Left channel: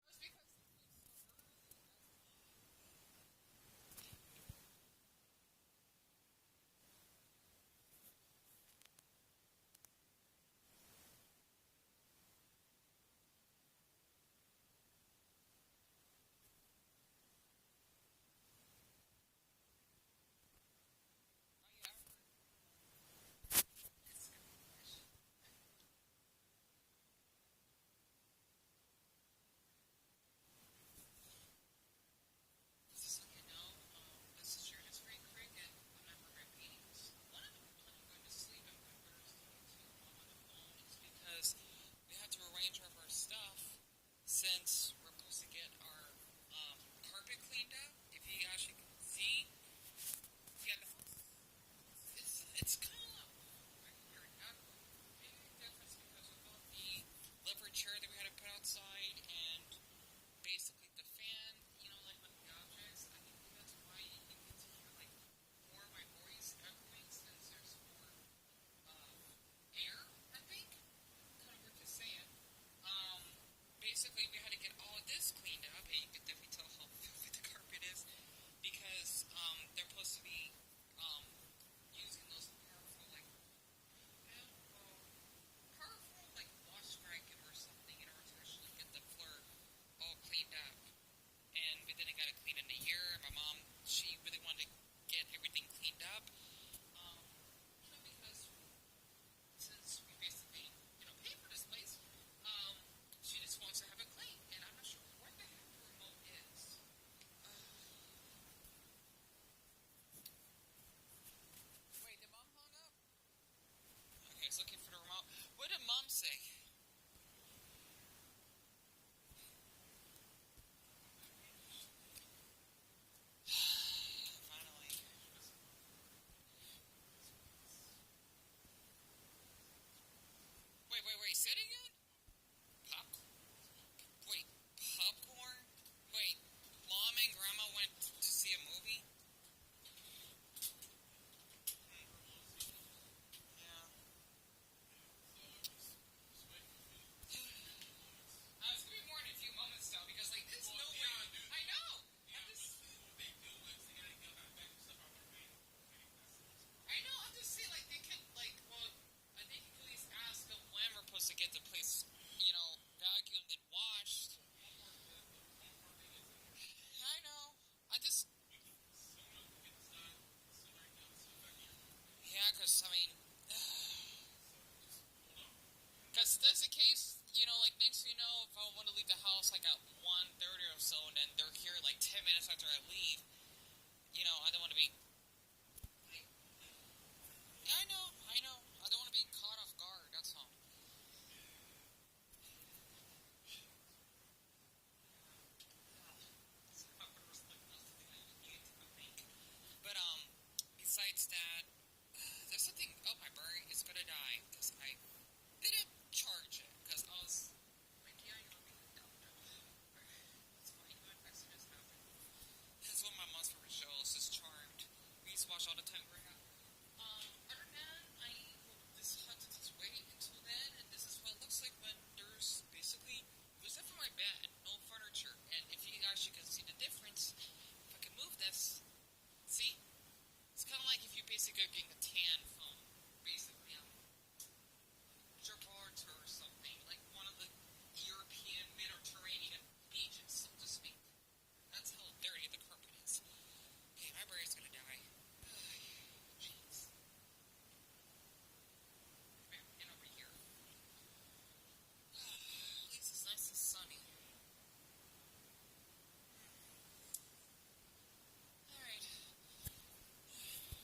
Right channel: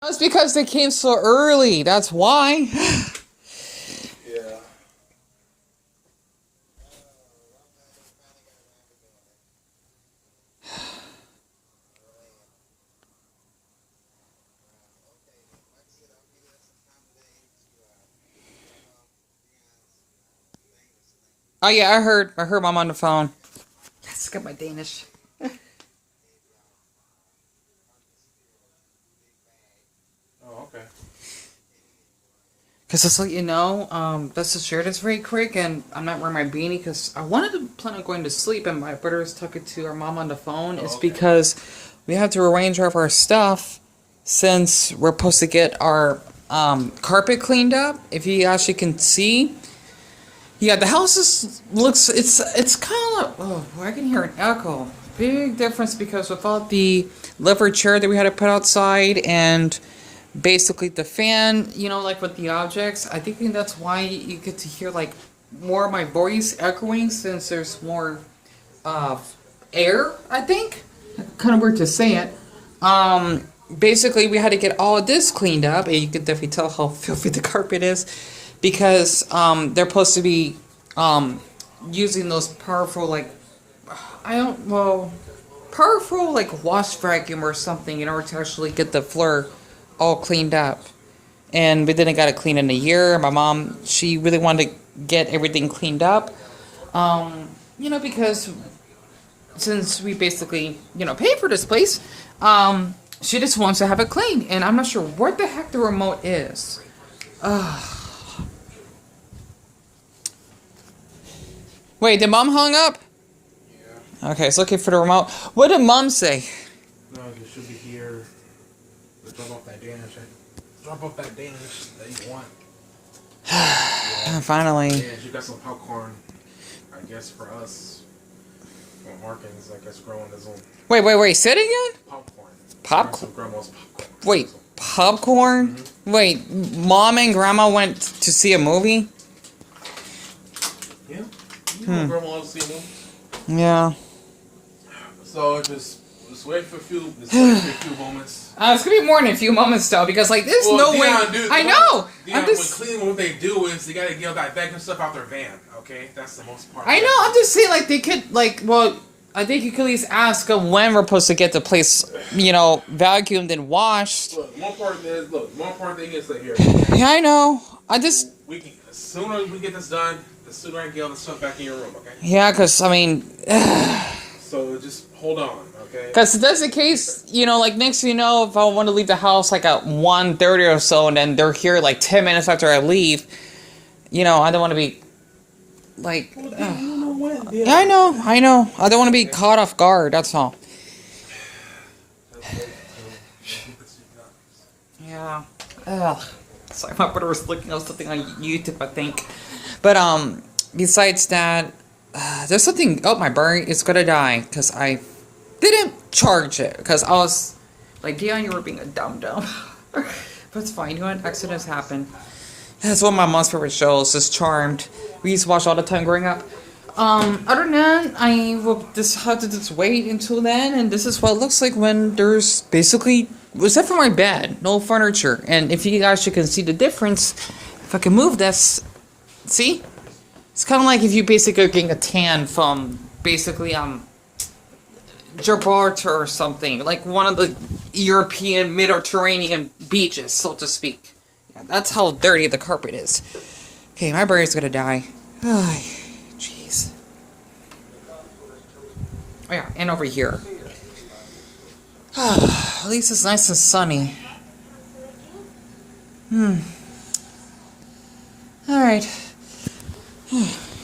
That's because they came so early. That's why. Yeah. Oh yeah, I heard. I heard mom on the phone. Yes, got my Danish. Oh, okay. Cause just let you know, let's just share this very quick, and I'm not wearing my beanie because I wanted to plan on going to sleep, and my brother's talking to our mom on the phone. Oh, It's okay. because we have to arrange our stuff since we're supposed to get our carpet cleaned up. If you actually can see, yeah, the house looks it's kind of oh I can hear an echo. Big difference because without the lever chair that we had to put outside and basically the fan, you know, like with the objects, I think that's why you get to hear like more of my voice echoing since there's more uh air, I think. Kind of weird to say it. Basically we had to get all of this cleaned up, and you can definitely tell how filthy the carpet is because they're supposed to be using those powerful like powerful like wash vacuum or something in order to actually get the floor all cleaned up. And we didn't got it cleaned in a year. My mom, she really wanted to get everything cleaned up. You know, because since we basically, you know, pay for this place, she just wants to have it cleaned. And I'm not sure what the heck the remote is. Wait, did mom hung up? Yeah. Okay, it's looking for the remote. What did mom say? No, you should be here. Let's drop off that Danish. Drop off that Danish that you want. Finally. Yeah, she got some popcorn. I guess for us. For Markins, I guess growing his own Wait, say it again? popcorn. Popcorn? Some grandma's popcorn. Wait, popcorn? Mm-hmm. Wait, mom and grandma went to see a movie? Yeah. You know grandma loves to see them. Yeah. So just wait for a few moments. It's gonna be more than a few moments though, because like there's no way. I know. Dion, I'm just. when cleaning, what they do is they gotta get all that vacuum stuff out their van. Okay, that's the most part. I know. I'm just saying, like they could, like, well, I think you could at least ask them when we're supposed to get the place, you know, vacuumed and washed. Look, one part thing is that here. Yeah, I know. I just. We can, the sooner we get this done, the sooner I can get all the stuff back in your room. Okay. Yeah, cause I mean. So just hold on. Okay. Because if that's the case, you know, like next thing you know, if I want to leave the house like at 1:30 or so, and then they're here like 10 minutes after I leave, you know, I don't want to be like. Yeah, I know. I don't want to be caught off guard. That's all. Yeah. Ugh. Sorry, my brother was looking at something on YouTube, I think. But besides that, there's something. Oh, my battery is gonna die because I didn't charge it because I was like, Dion, you were being a dumb. But it's fine. You know what? Accidents happen. That's one of my mom's favorite shows, is Charmed. We used to watch all the time growing up. Other than that, I will just have to just wait until then, and this is what it looks like when there's basically, except for my bed, no furniture. And if you guys can see the difference, if I can move this, see? It's kind of like if you basically are getting a tan from basically, Gibraltar or something, like one of the European Mediterranean beaches, so to speak. Yeah, that's how dirty the carpet is. Okay, my brain's gonna die. Jeez. Oh yeah, and over here. At least it's nice and sunny. Alright.